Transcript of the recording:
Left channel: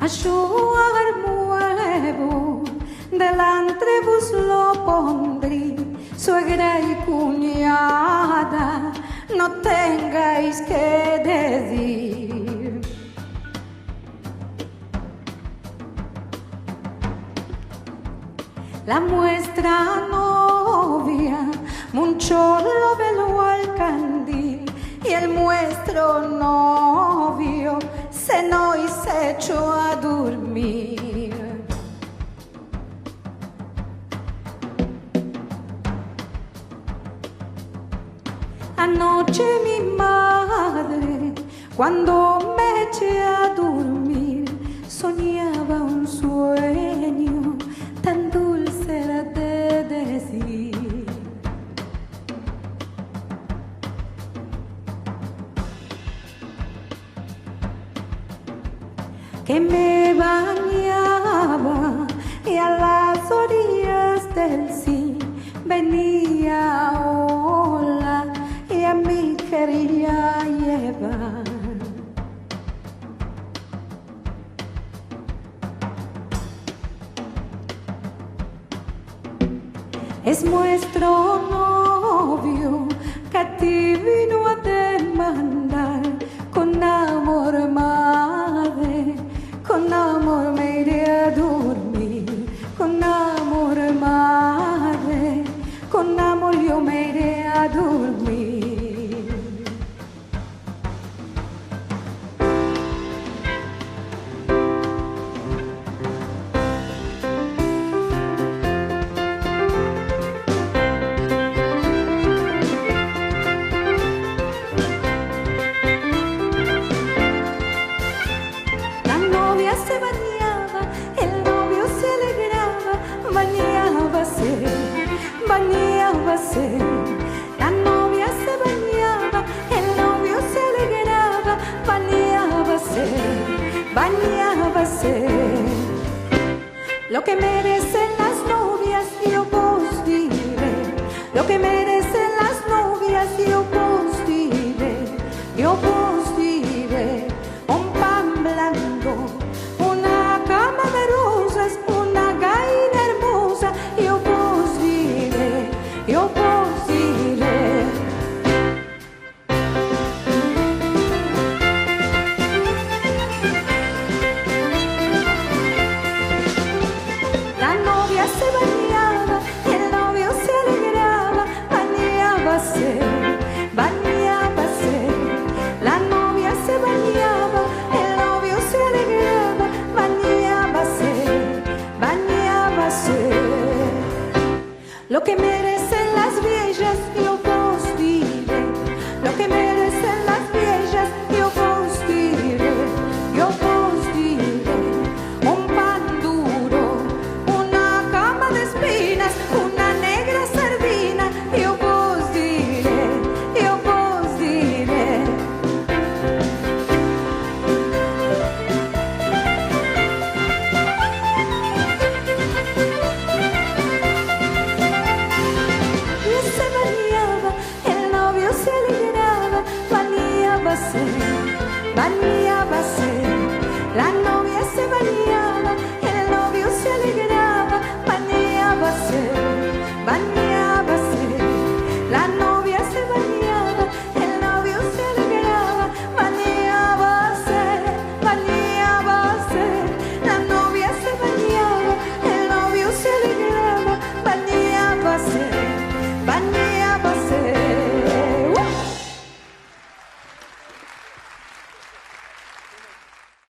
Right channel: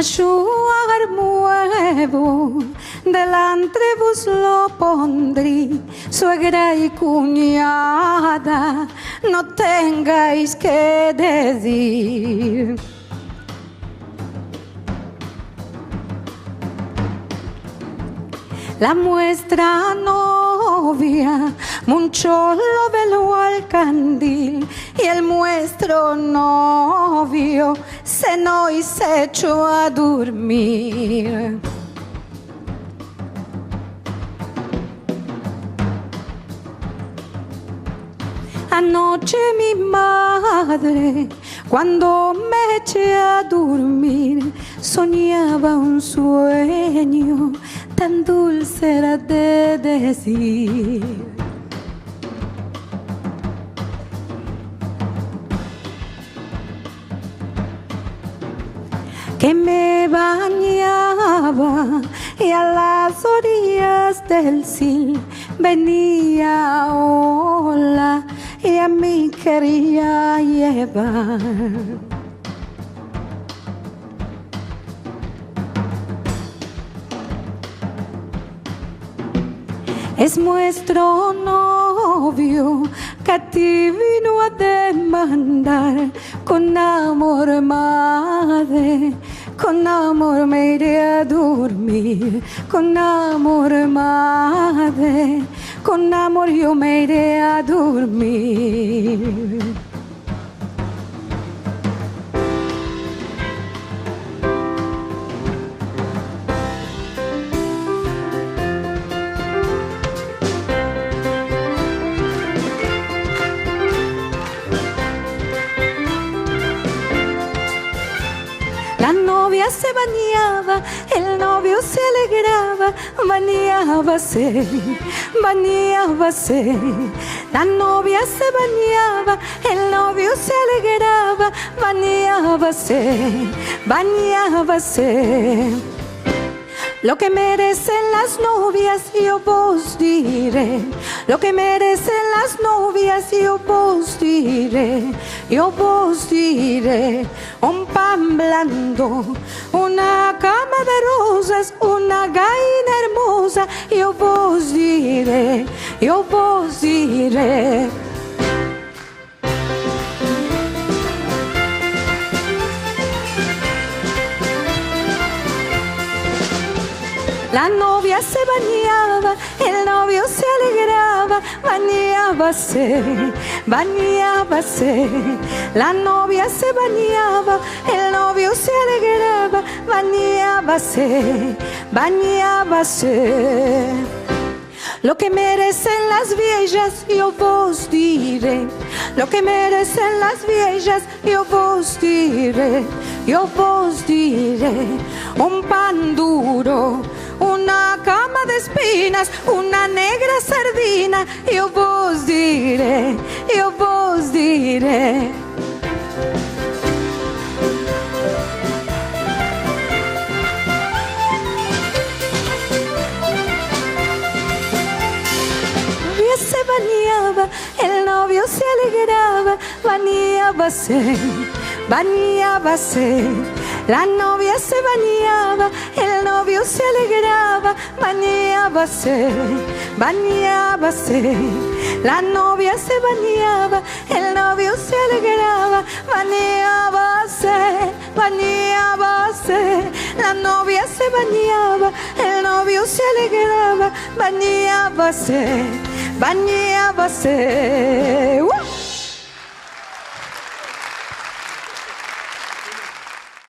Ayudar nuevo, delante vos lo pondré, suegra y cuñada, no tengáis que decir. La nuestra novia mucho lo veló al candil y el nuestro novio cenó y se echó a dormir. Anoche mi madre, cuando me eché a dormir, soñaba un sueño tan dulce era de decir. Que me bañaba y a las orillas del Sil venía ola y a mí quería llevar. Es nuestro novio que a ti vino a demandar. Con amor, madre, con amor me iré a dormir. Con amor, madre, con amor yo me iré a dormir. La novia se bañaba, el novio se alegraba, bañábase, bañábase. La novia se bañaba, el novio se alegraba, bañábase, bañábase. Lo que merecen las novias yo vos diré, lo que merecen las novias yo vos diré, yo vos diré. Un pan blando, una cama de rosas, una gallina hermosa, yo vos diré, yo vos diré. La novia se bañaba, el novio se alegraba, bañábase, bañábase. La novia se bañaba, el novio se alegraba, bañábase, bañábase. Lo que merecen las viejas yo vos diré, lo que merecen las viejas yo vos diré, yo vos diré. Un pan duro, una cama de espinas, una negra sardina, yo vos diré, yo vos diré. Bañábase, la novia se bañaba, el novio se alegraba, bañábase, bañábase. La novia se bañaba, el novio se alegraba, bañábase, bañábase. La novia se bañaba, el novio se alegraba, bañábase, bañábase.